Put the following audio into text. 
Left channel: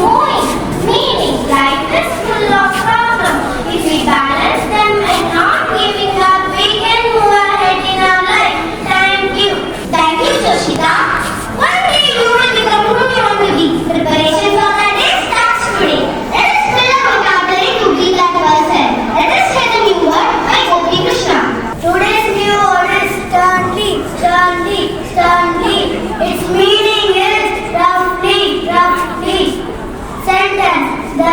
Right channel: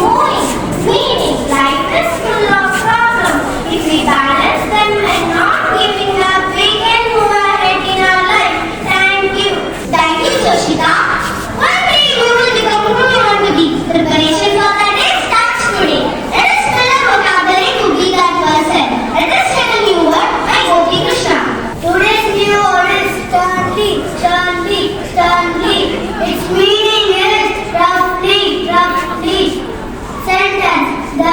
moving. Meaning, life is full of problems. If we balance them and not giving up, we can move ahead in our life. Thank you. Thank you, Soshita. One day you will become who you want to be. Preparation for that day starts today. Let us spell a vocabulary to be that person. Let us say the new word by Gopi Krishna. Today's new word is sternly, sternly, sternly. Its meaning is roughly, roughly. Sentence. The